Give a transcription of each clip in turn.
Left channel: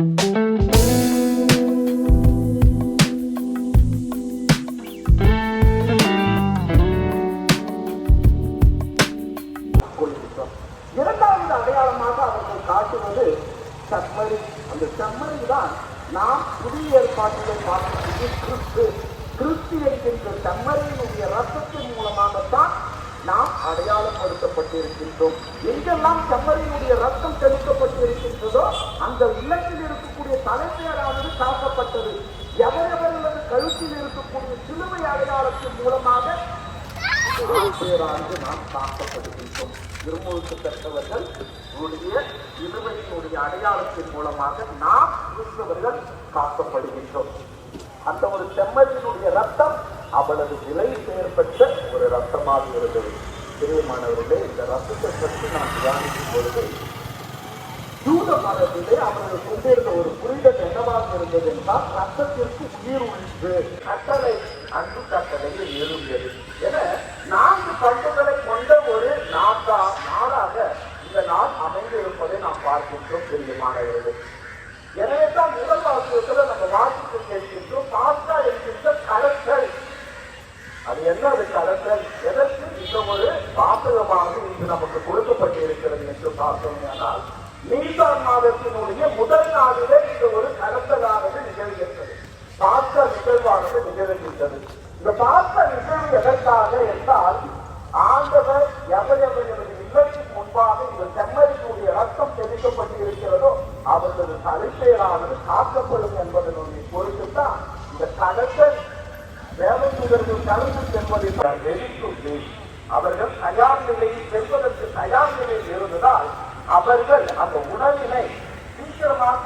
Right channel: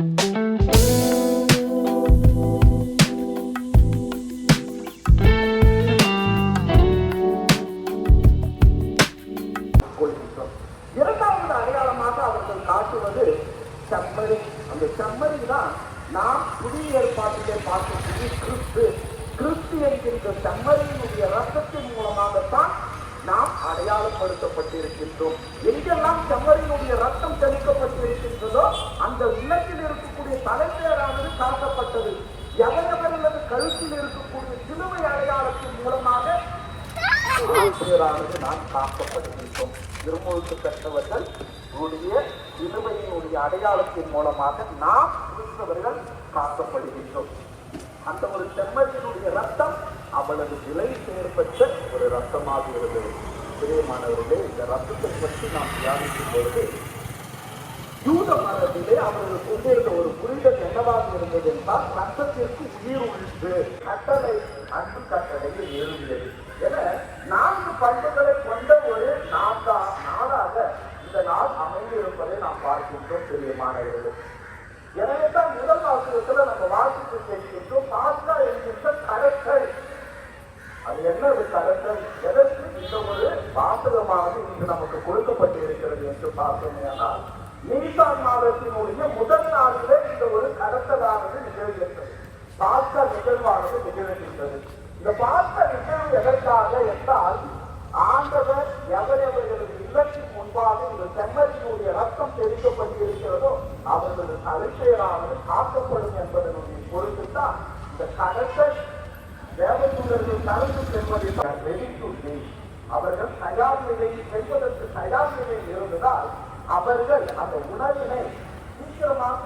இரண்டாவது அடையாளமாக அவர்கள் காட்டுவது செம்மறி. அந்த செம்மறி தான் நாம் புதிய ஏற்பாட்டிலே பார்க்கக்கூடிய கிறிஸ்து என்கின்ற செம்மறியினுடைய ரத்தத்தின் மூலமாகத்தான் நாம் அடையாளப்படுத்தப்பட்டிருக்கின்றோம். எங்கெல்லாம் செம்மறியினுடைய ரத்தம் தெளிக்கப்பட்டிருக்கின்றதோ அந்த இல்லத்தில் இருக்கக்கூடிய தலைமையானது காக்கப்பட்டது. எவரவர்களது கழுத்தில் இருக்கக்கூடிய சிலுவை அடையாளத்தின் மூலமாக பேரானது நாம் காக்கப்படுகின்றோம். திருமுழுக்கு பெற்றவர்கள் சிலுவையினுடைய அடையாளத்தின் மூலமாக நாம் கிறிஸ்தவர்கள் காக்கப்படுகின்றோம். அந்த ஒரு செம்மறியினுடைய ரத்தம் அவ்வளவு விலை பெயர்பெற்ற ஒரு ரத்தமாக இருந்தது. பிரியமானவர்களே, இந்த ரத்தத்தை பற்றி நாம் தியானிக்கும் பொழுது யூத மதத்திலே அவர்கள் கொண்டிருந்த ஒரு புரிதல் என்னவாக இருந்தது என்றால், ரத்தத்திற்கு உயிர் உழிப்பு, கட்டளை அன்பு கட்டளையில் ஏறுகிறது என 4 பண்புகளை கொண்ட ஒரு நாடாக இந்த நாள் அமைந்திருப்பதை நாம் பார்க்கின்றோம். பிரியமானவர்களே, எனவே தான் முதல் வாசகத்துல நம்ம வாசித்து கேட்கின்றோம், பாஸ்கா என்கின்ற கலத்தல். அது என்ன? அது கலத்தல். எதற்கு இந்த ஒரு வாசகமாக இன்று நமக்கு கொடுக்கப்பட்டு இருக்கிறது என்று பார்த்தோமேயானால், நீசான் மாதத்தினுடைய முதல் நாளிலே இந்த ஒரு கடத்தலானது நிகழ்கின்றது. பாஸ்கா நிகழ்வானது நிகழ்கின்றது. இந்த பாஸ்கா நிகழ்வு எதற்காக என்றால், ஆண்டவர் எவரவர்களது இல்லத்தின் முன்பாக இந்த செம்மறியினுடைய ரத்தம் தெளிக்கப்பட்டிருக்கிறதோ அவர்களது தலைப்பேரானது காக்கப்படும் என்பதனுடைய பொருட்டுத்தான் இந்த கடத்தல் தேவதூதர்கள் கலந்து செல்வதை அவர்கள் தயார் நிலையில் செல்வதற்கு தயார் நிலையில் இருந்ததால் அவர்கள் அந்த உணவினை சீக்கிரமாக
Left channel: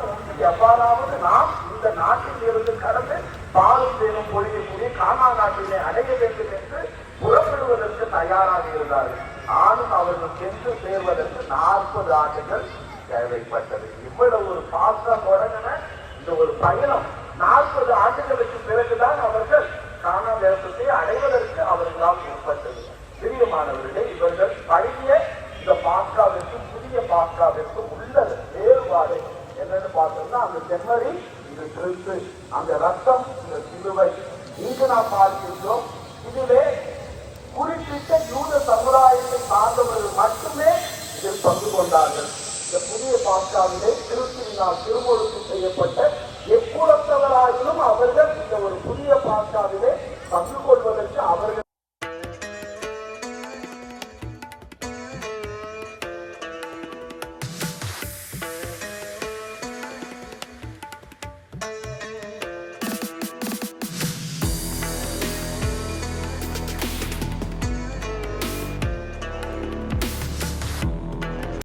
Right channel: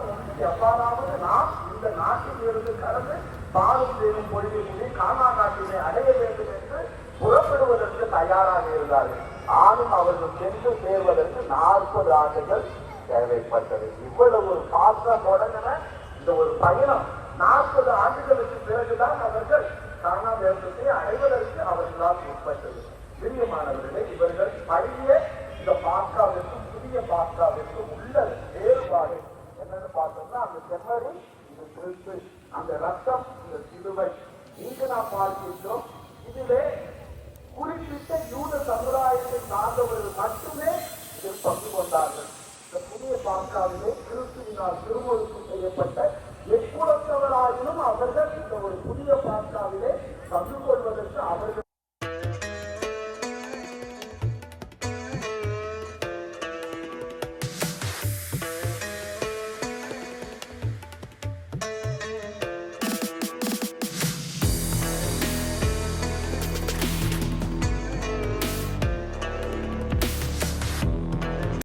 எவ்வாறாவது நாம் இந்த நாட்டில் இருந்து கடந்து பாலும் தேனும் பொழியக்கூடிய கானா நாட்டினை அடைய வேண்டும் என்று புறப்படுவதற்கு தயாராக இருந்தார்கள். ஆளும் அவர்கள் சென்று சேர்வதற்கு 40 ஆண்டுகள் தேவைப்பட்டது. இவ்வளவு ஒரு பாஸ்கா தொடங்கின இந்த ஒரு பயணம் 40 ஆண்டுகளுக்கு பிறகுதான் அவர்கள் கானா தேசத்தை அடைவதற்கு அவர்களால் உட்பட்டது. பிரியமானவர்களே, இவர்கள் பழைய இந்த பாஸ்காவிற்கும் புதிய பாஸ்காவிற்கும் உள்ள வேறுபாடு என்னன்னு பார்த்தோம்னா, அந்த செம்மறி இது கிறிஸ்து, அந்த ரத்தம் இந்த சிலுவை. இங்கு நாம் பார்க்கின்றோம், இதுவே குறிப்பிட்ட யூத சமுதாயத்தை சார்ந்தவர்கள் மட்டுமே இதில் பங்கு கொண்டார்கள். இந்த புதிய பாஸ்காவிலே கிறிஸ்துவினால் திருமுழுக்கு செய்யப்பட்ட எக்குலத்தவராகிலும் அவர்கள் இந்த ஒரு புதிய பாஸ்காவிலே பங்கு